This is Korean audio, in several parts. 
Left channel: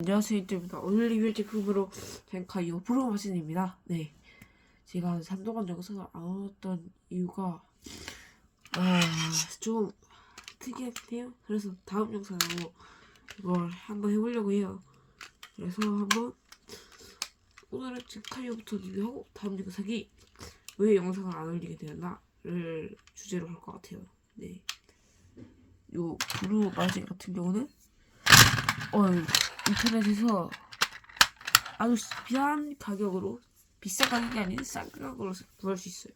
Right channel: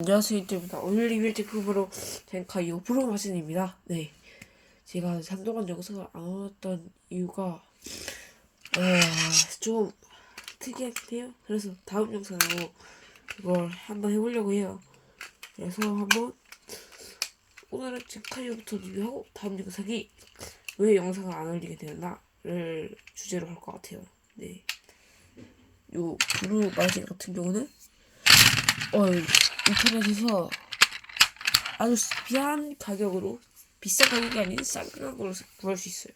안녕하세요. 이때입니다 오늘 리뷰 제품으로 젠카 이거 프로 마신입니다. 네. 제가 한동안 영상을 안 올렸던 이유가 어, 좀 특이한데요. 그래서 다음 영상으로 이걸 한번 해보려고 해요. 그래서 한번 오늘은 젠카 이거부터 리뷰하고 다음 영상이 왜 영상을 안 올리게 되었나를 주제로 할 것 같아요. 네 요 브루 마신 같은 경우는 어 인터넷에서 아주 싼 가격으로 비싼 가격이 아닌 싼 가격으로 구할 수 있어요.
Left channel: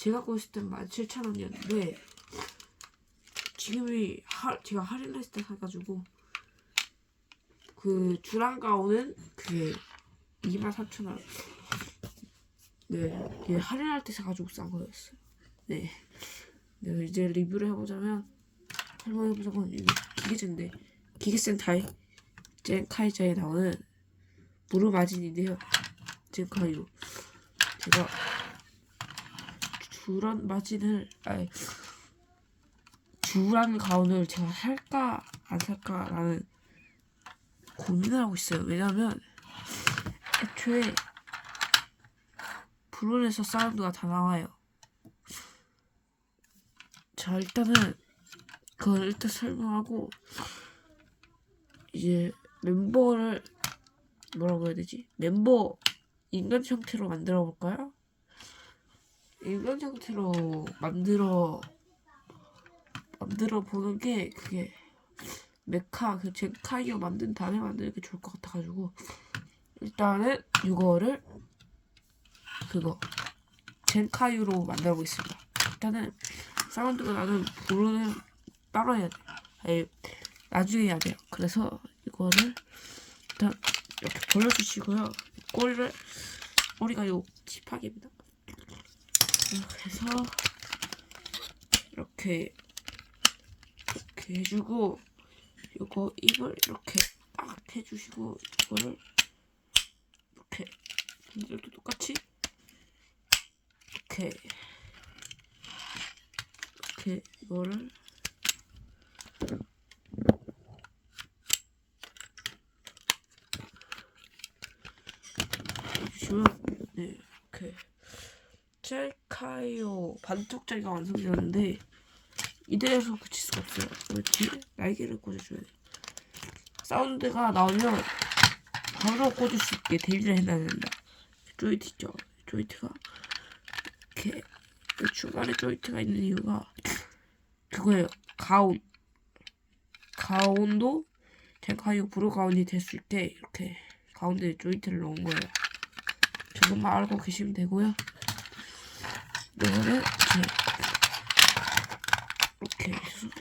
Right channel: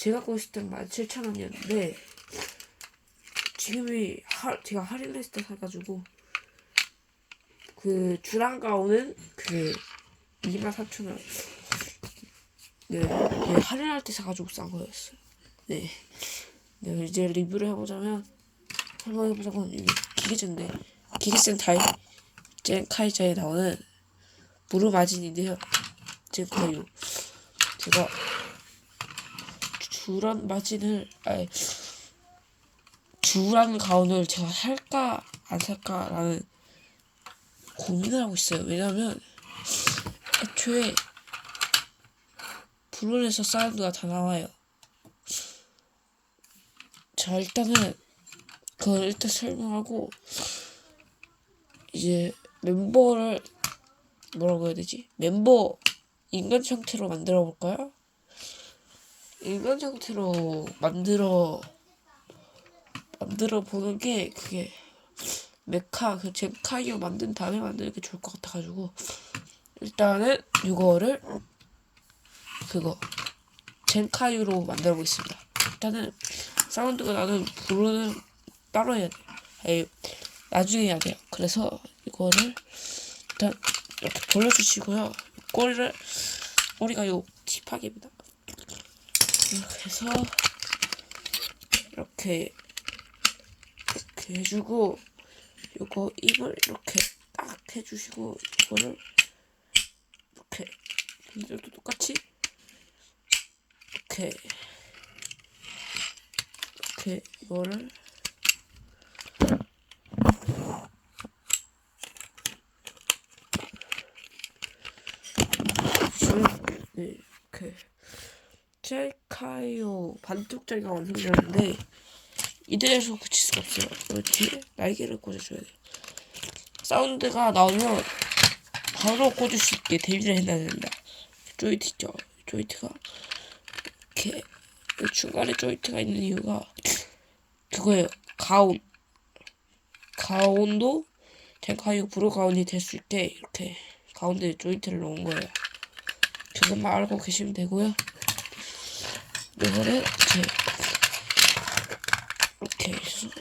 제가 있을 땐 17,000원이었는데 지금이 하, 제가 할인했을 때 사가지고 그 주랑 가운은 그 24,000원 네, 네 할인할 때 사가지고 싼 거였어요. 네. 네 이제 리뷰를 해보자면 한번 해보자면 이게 기계인데 기계센 타입 젠카이저에 나오는 무르마진인데요. 젠 카이요. 제가 주란 마진을 아니 주란 가운을 제가 살까 안 살까라는 고민을 하고 있어요. 왜냐면 애초에 브론에서 사운드가 다 나와요. 자 일단은 그걸 일단 설명하고 이제 멤버를 뭐라고 해야 되지? 멤버 인간 형태로 만들어 볼까요? 인간 형태로 만들어 만들어 보는 게 그게 메카 그 젠카이어 만든 다음에 만드는 게 좋을 것 같아가지고 일단은 이거를 그거 젠카이로 만들어 보겠습니다. 일단은 사운드가 나는 부르는 따로 해야 돼. 에이, 나중에 해야 돼요. 그래서 이거를 일단 이렇게 돌려주시고요. 꼬리를 꼬리가 요 tip하게입니다. 이렇게 해서 이렇게 이렇게 해주고 요거 입을 이렇게 딱 해주시고 이거를 이렇게 이들도 똑같이 이렇게 이렇게 이거를 이렇게 짤카요 반쪽짜리가 완성되었는데 이대로서 붙일 수가 없어요. 이 뒤에 날개를 꽂아줘야 돼. 사운드가 나오면 바로 꽂을 수 있게 대비를 해놔야 된다. 조이트 있죠? 조이트가 이렇게 이 중간에 조이트가 있는 이유가 그거예요. 가온 가온도 젠카이오 브루 가온이 될 수 있게 이렇게 가운데 조이트를 넣은 거예요. 그것만 알고 계시면 되고요. 이거를 이렇게 이렇게 해주시고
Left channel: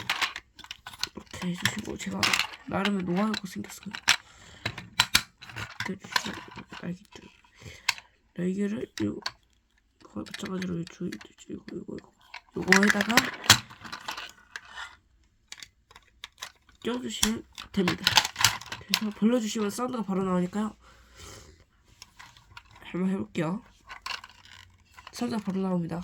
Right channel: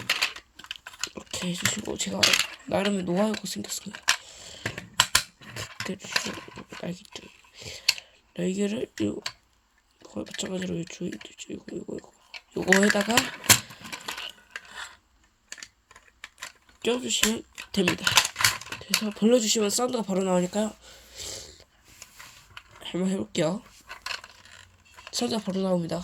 이렇게 해주시고 제가 나름의 노하우가 생겼습니다. 이렇게 날개들 날개를 요 거의 마찬가지로 요 조이트 이거 이거 이거 요거에다가 껴주시면 됩니다. 그래서 벌려주시면 사운드가 바로 나오니까요. 한번 해볼게요. 사운드가 바로 나옵니다.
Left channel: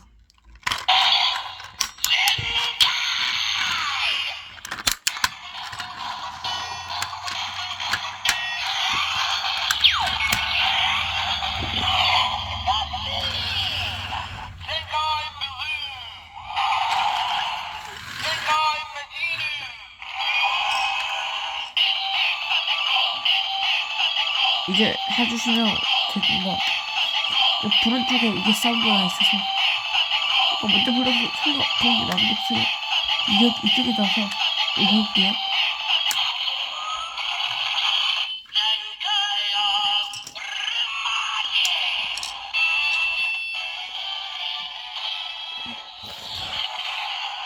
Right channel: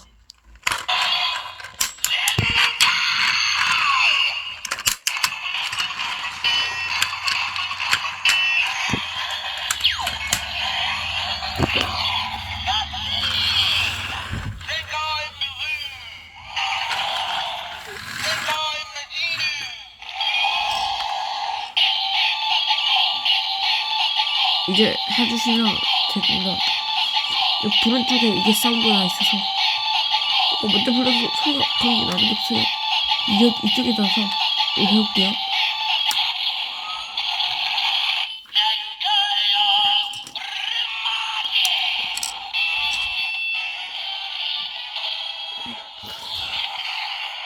이제 해주시면 이 부른 쪽에 이게 사운드가 있어서 이거 먼저 불러서 소리가 그런 없어요. 이쪽, 이쪽에 나서 해볼게요.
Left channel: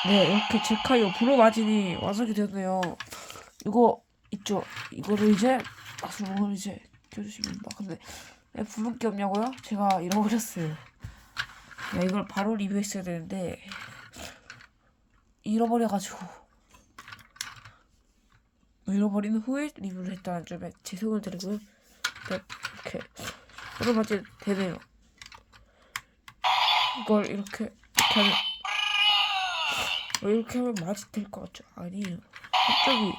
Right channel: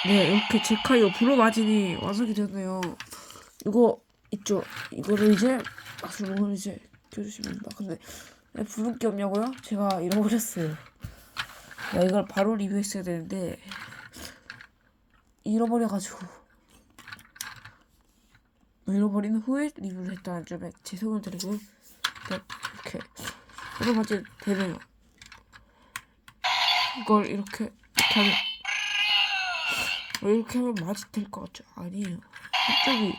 네, 이렇게 제카이오 브로 마진이 완성이 됐네요. 이거 있죠? 이거를 이제 주먹을 이제 껴주시면 됩니다. 근데 왜 부른 게 없냐고요? 제가 잃어버렸어요. 야, 이걸 바로 리뷰했어야 되는데 잃어버려가지고 잃어버린 후에 리뷰를 했다는 점에 죄송을 드리고요. 네, 이렇게 마진 되네요. 이걸 이렇게 이렇게 하면 왜 이렇게 하면 맛이 될 것 같죠? 아니에요. 한쪽이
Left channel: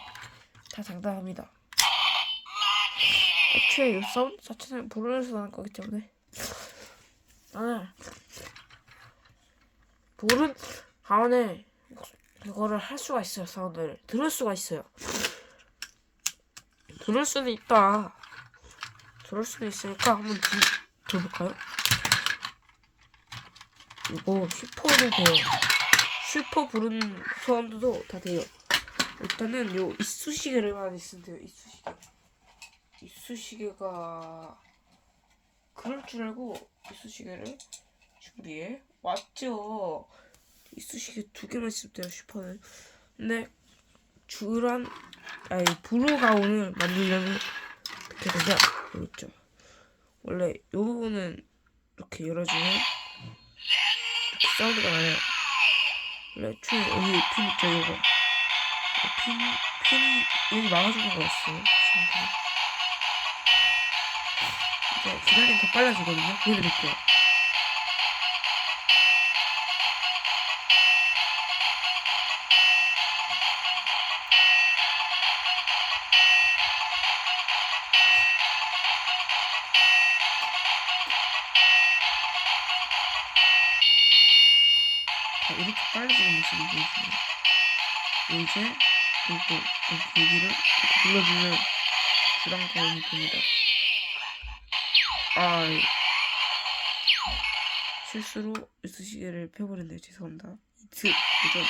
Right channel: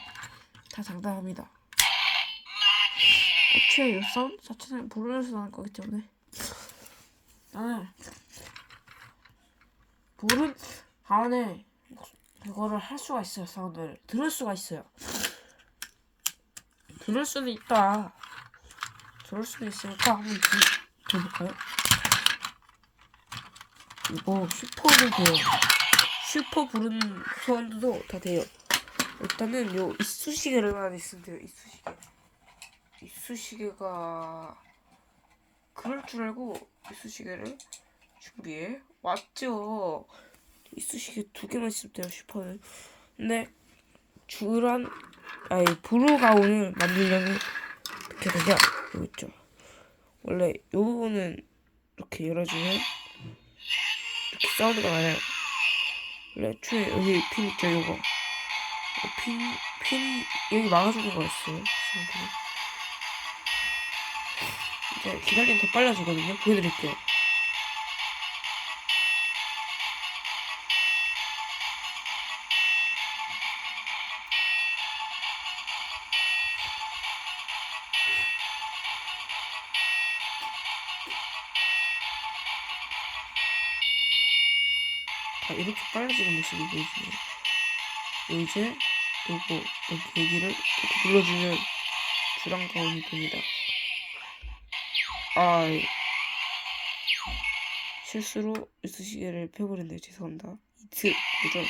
다 장담합니다. 애초에 이 사운드 자체는 볼에서 나는 거기 때문에. 나는 볼은 가운데 이거를 할 수가 있어요 사운드를. 들을 수가 있어요. 들을 수도 있다. 들을 수도 있으니까 한번 들, 들어볼까요? 이거 슈퍼도 돼요. 슈퍼 부른 사운드도 다 돼요. 일단은 요 이쑤시개를만 있으면 돼요 이쑤시개 이쑤시개가 그럴 줄 알고 이쑤시개를 준비해 왔죠. 이쑤시개 두 개만 있으면 돼요 슈퍼는 근데 주란 아니 브로가운을 만들려면 어떻게 되냐? 여기 있죠. 원래 요 부분은 이렇게 열어주면 이렇게 사운드가 나요. 원래 애초에 여기 핀 있죠 요거 핀, 핀 여기 막아주는 거였어요. 사운드는 이제 기다리면 더 빨라지거든요 보여드릴게요 자, 이렇게 빨라지는 모습이 보이시네요. 이제 요거 여기 여기를 이렇게 눌러주면 주랑 가운이 됩니다. 아 실수로 이쑤시개를 펴버렸네요. 죄송합니다. 이트 도전.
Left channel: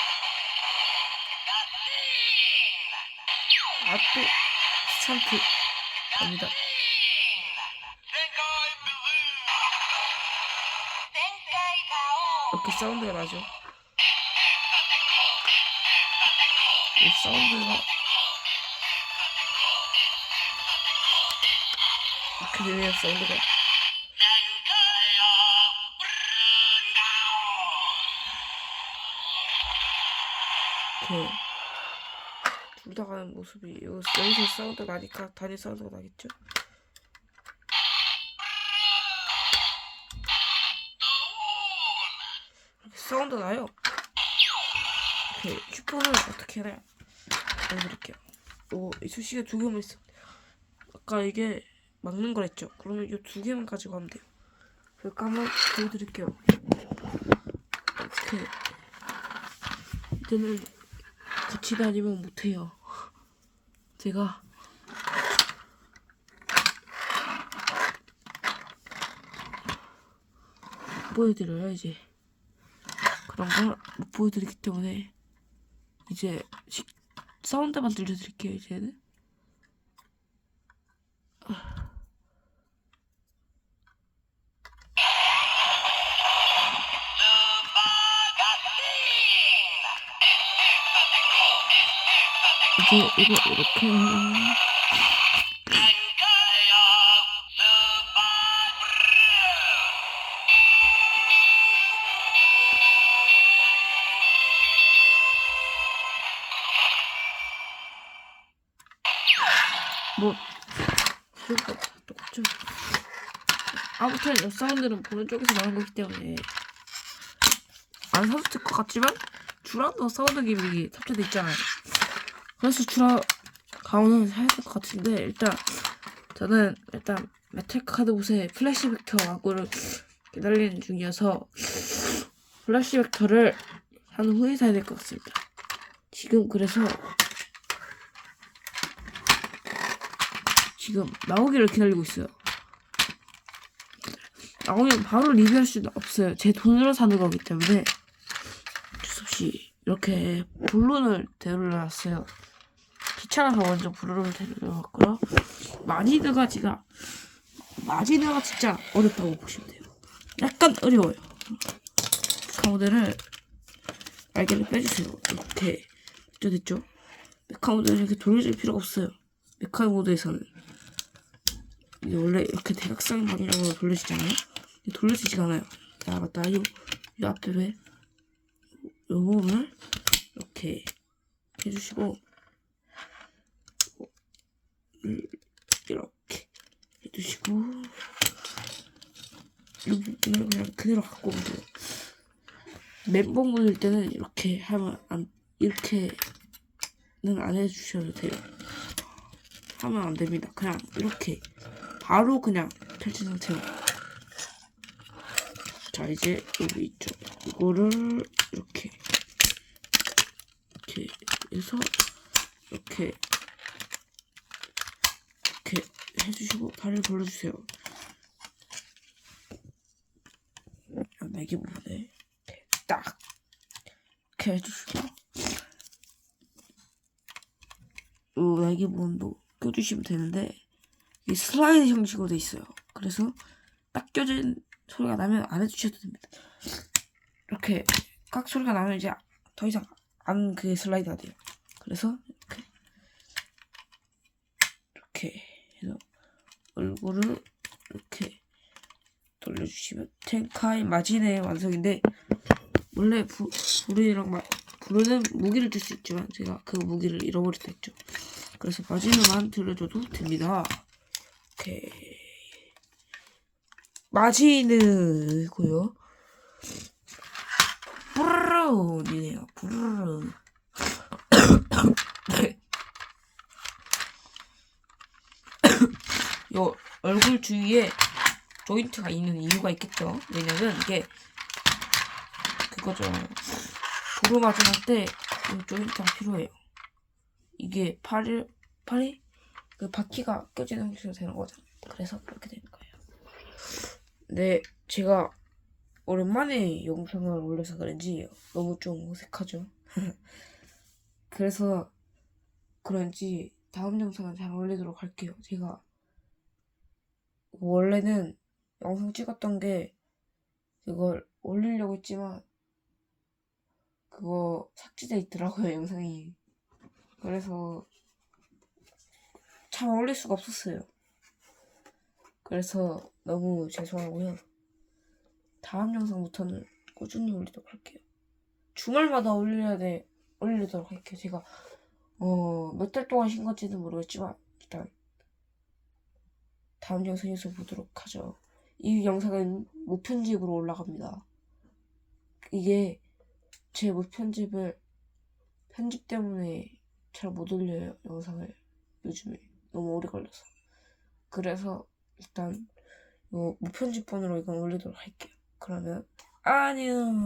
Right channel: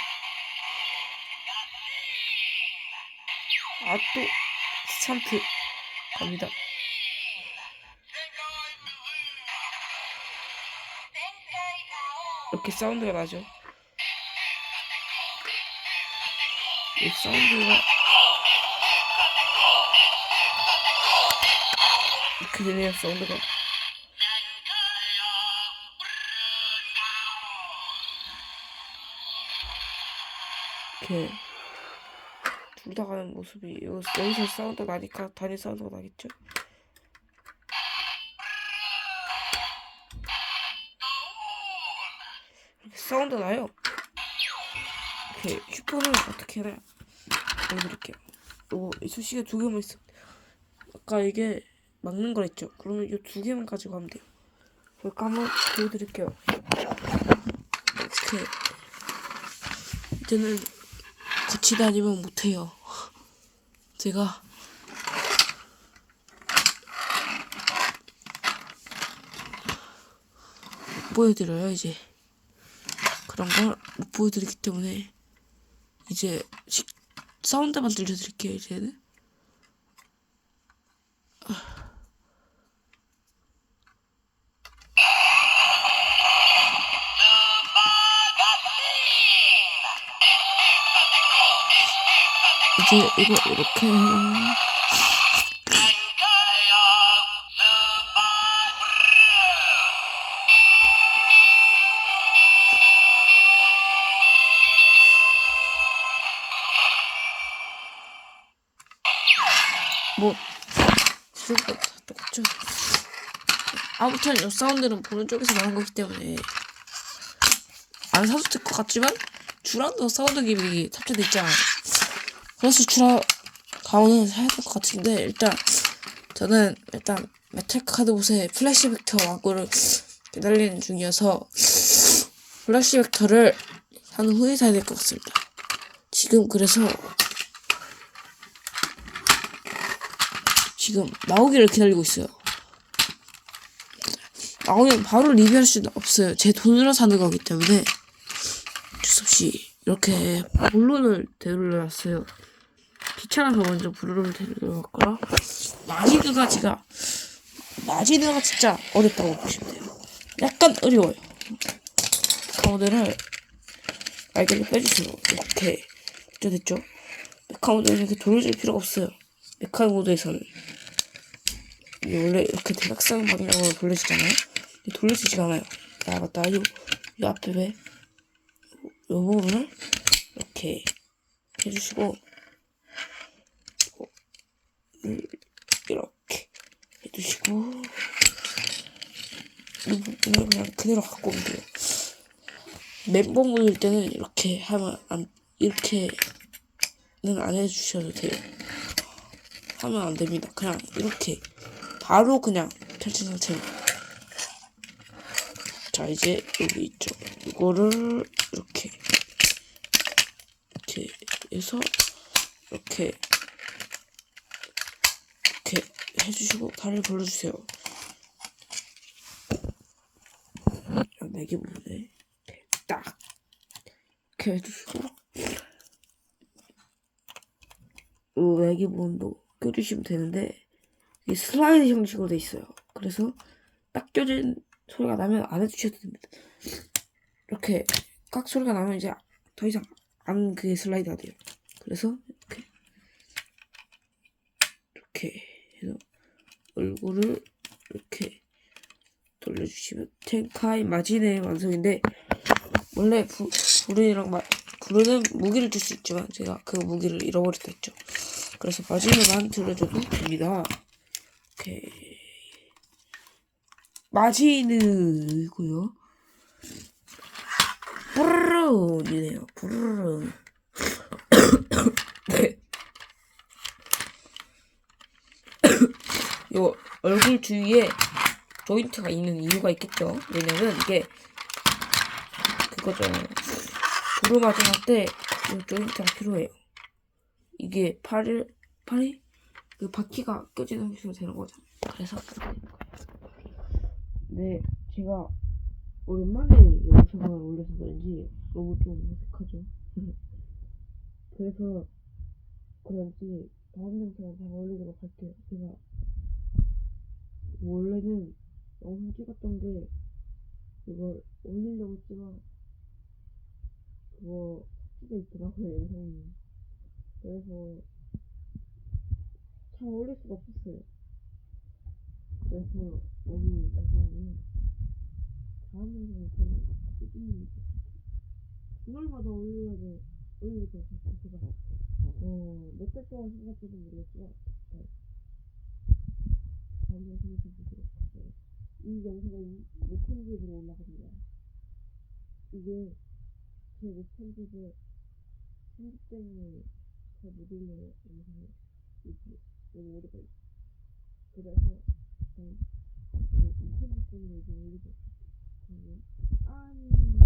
아또 스찬트 갑니다. 이렇게 사운드가 나죠. 이 사운드가 이렇게 되네요 사운드가 이렇게 둘 다 가는 모습이 요- 여기서 사운드가 나니까 단위 사운드가 나겠죠 이렇게 사운드 나요 이렇게 슈퍼는 어떻게 해야 보여드릴게요. 요거 이쑤시개 두 개만 있어. 아까 이게 막는 거랬죠. 그러면 이 두 개만 가지고 하면 돼요. 그러니까 한번 보여드릴게요. 이렇게 이제는 같이 다니면 못해요. 제가 못 보여드려요 이제 그런 걸 못 보여드리기 때문에 이제 시, 사운드만 들려드릴게요 이제는 이제 이거 이렇게. 뭐 지금까지 다 똑같죠. 아무튼 이 사운드는 보는 쪽에서 나는 거기 때문에. 안 사도 될 것 같지만 주랑도 사운드 기믹이 탑재돼 있잖아요 그래서 주라 가오는 사야 될 것 같은데 일단 저는 일단 메탈 카드 옷에 플래시 벡터 왕구를 기다리는 중이어서 플래시 벡터를 산 후에 사야 될 것 같습니다 지금 그래서 지금 나오기를 기다리고 있어요. 나오면 바로 리뷰할 수는 없어요. 제 돈으로 사는 거기 때문에 어쩔 수 없이 이렇게 본론을 데려놨어요. 귀찮아서 먼저 블루를 데려놨고요. 마지드가 제가 마지드가 진짜 어렵다고 보시면 돼요. 약간 어려워요. 가운데를 알게를 빼주세요. 이렇게 됐죠 됐죠? 메카 모드는 이렇게 돌려줄 필요가 없어요. 메카 모드에서는 이게 원래 이렇게 대각선 방향으로 돌려지잖아요. 돌려지지가 않아요. 아 맞다. 이, 이 앞에 왜? 요 부분을 이렇게 해주시고 음, 이렇게 해주시고 이 부분을 그냥 그대로 갖고 오면 돼요. 모일 때는 이렇게 하면 안 이렇게는 안 해주셔도 돼요. 하면 안 됩니다. 그냥 이렇게 바로 그냥 탈진 상태입니다. 자 이제 여기 있죠. 이거를 이렇게 이렇게 해서 이렇게 이렇게 해주시고 다리를 벌려주세요. 매기 부분에 딱 이렇게 해주시고 이 매기 부분도 껴주시면 되는데 이게 슬라이드 형식으로 돼 있어요. 그래서 딱 껴진 소리가 나면 안 해주셔도 됩니다. 이렇게 깍 소리가 나면 이제 더 이상 안 그게 슬라이드가 돼요. 그래서 이렇게 이렇게 해서 얼굴을 이렇게 돌려주시면 텐카이 마진의 완성인데 원래 부, 부르랑 마, 부르는 무기를 줄 수 있지만 제가 그 무기를 잃어버렸다 했죠. 그래서 마진에만 돌려줘도 됩니다. 오케이. 마지는고요. 브르르이네요. 브르르. 네. 요 얼굴 주위에 조인트가 있는 이유가 있겠죠. 왜냐면 이게 그거잖아요. 도로 마지막 때이 조인트가 필요해요. 이게 팔이 팔이 그 바퀴가 껴지는 형식으로 되는 거잖아요. 그래서 그렇게 되는 거예요. 네, 제가 오랜만에 영상을 올려서 그런지 너무 좀 어색하죠. 그래서 그런지 다음 영상은 잘 올리도록 할게요. 제가 원래는 영상 찍었던 게 그걸 올리려고 했지만 그거 삭제돼 있더라고요 영상이. 그래서 참 올릴 수가 없었어요. 그래서 너무 죄송하고요. 다음 영상부터는 꾸준히 올리도록 할게요. 주말마다 올려야 돼 올리도록 할게요. 제가 어 몇 달 동안 쉰 건지는 모르겠지만 일단 다음 영상에서 보도록 하죠. 이 영상은 무편집으로 올라갑니다. 이게 제 무편집을 편집 때문에 잘 못 올려요 영상을 요즘에 너무 오래 걸려서 그래서 일단 요 무편집본으로 이건 올리도록 할게요. 그러면 안녕.